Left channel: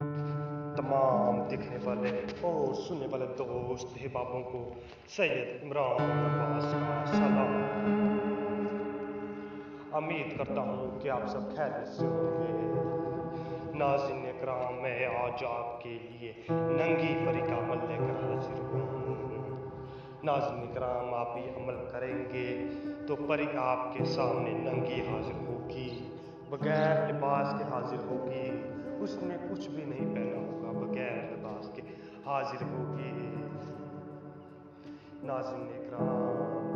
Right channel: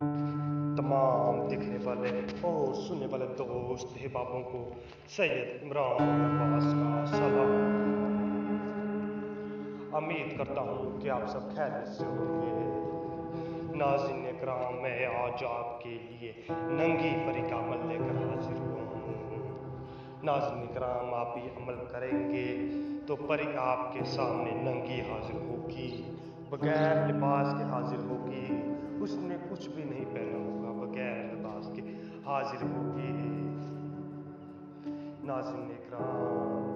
तमाम दिखने वाले और सुनने वाले दोस्त अहबाबों को सैयद इमरान अब्बास का सलाम। उम्मीद करता हूँ कि आप सब खैरियत से होंगे। नाज़रीन इकराम, मैं आज आपके लिए नंगी परी का अमल लेकर हाजिर हूँ। नाज़रीन इकराम, आप ये अमल करेंगे तो परी आपके सामने नंगी हाजिर होगी, बगैर लिबास के हाजिर होगी। उसने कुछ भी नहीं पहना होगा, बगैर लिबास के हाजिर होगी। नाज़रीन इकराम,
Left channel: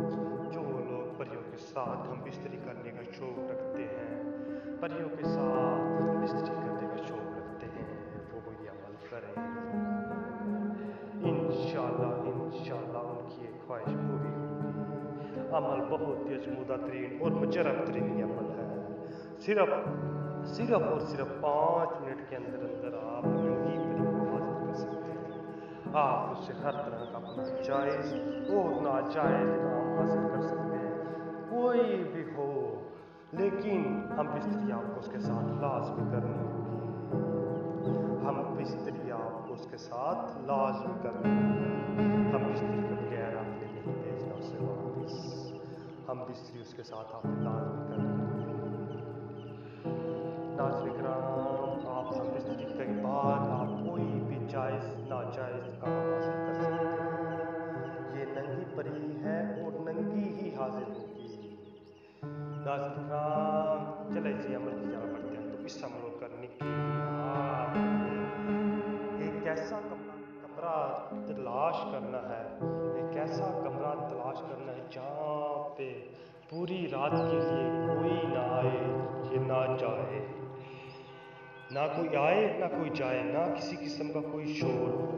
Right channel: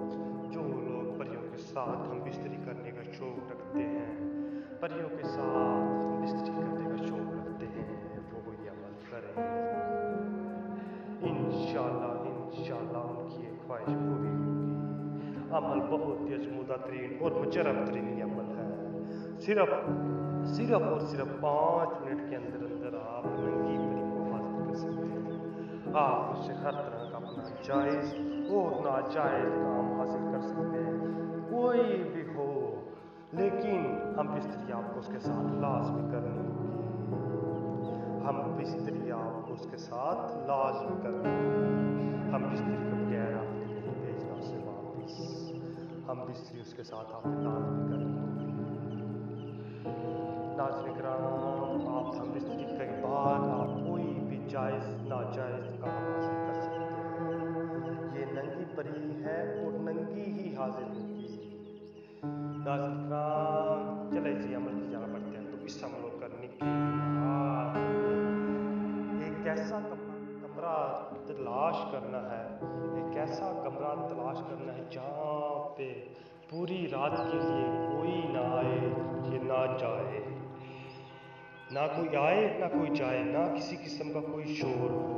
जो लोग परियों के साथ हम बिस्तरी करने का शौक़ रखते हैं, परियों के साथ हम बिस्तरी करने का शौक़ रखते हैं, वो ये अमल करें। इंशाअल्लाह उनकी एक ख्वाहिश पूरी होगी। अमल बहुत ही अजमूदा तरीन और मुजरब तरीन अमल है। सिर्फ और सिर्फ 5 मिनट के अंदर अंदर आप नंगी परी को हासिल कर सकते हैं। आप उससे हर तरह का अपना जायज़ और नाजायज़ काम हासिल कर सकते हैं, कोई भी हो, लेकिन हम बिस्तरी आपको उसके साथ लाजमी करनी होगी। हम बिस्तरी आपको उसके साथ लाजमी करनी होगी। हम बिस्तरी के बगैर आपने नहीं भेजना उसे वापस। हम बिस्तरी उसके साथ आपने लाजमी करनी होगी। नाज़रीन इकराम, आप हम बिस्तरी के बाद आप कोई भी जायज़ नाजायज़ काम हासिल कर सकते हैं। ये नंगी परी है और नंगी ही हाजिर होगी। नाज़रीन इकराम, चले जी अमल की जाना पड़ते हैं। तो इस अमल को करने के लिए आपने एक ऐसा कमरा तलाश करना है, एक ऐसा कमरा तलाश करना है जहाँ पे पूरी रात के लिए कोई ना आए, ये ना जाए, ना कोई आए ना कोई जाए, ना किसी किस्म का कोई शोर हो।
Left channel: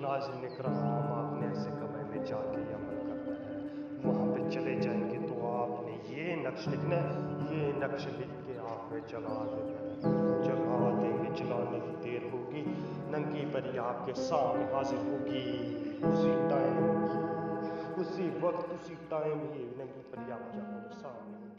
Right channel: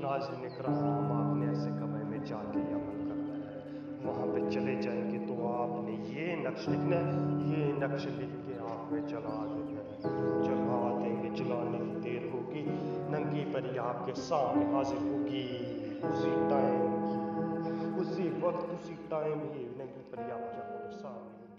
नाज़रीन इकराम, आपने ऐसे कमरे में जाके अमल करना है। वहाँ पे चले जाएंगे तो आपने ये नक्श लिखना है, ये नक्श लिख के आपने जला देना है। जला देंगे, जलाने की देर होगी, नंगी परी आपके सामने हाजिर होगी। उसी टाइम ही, उसी वक्त, उसी टाइम ही नंगी परी आपकी आंखों के सामने होगी।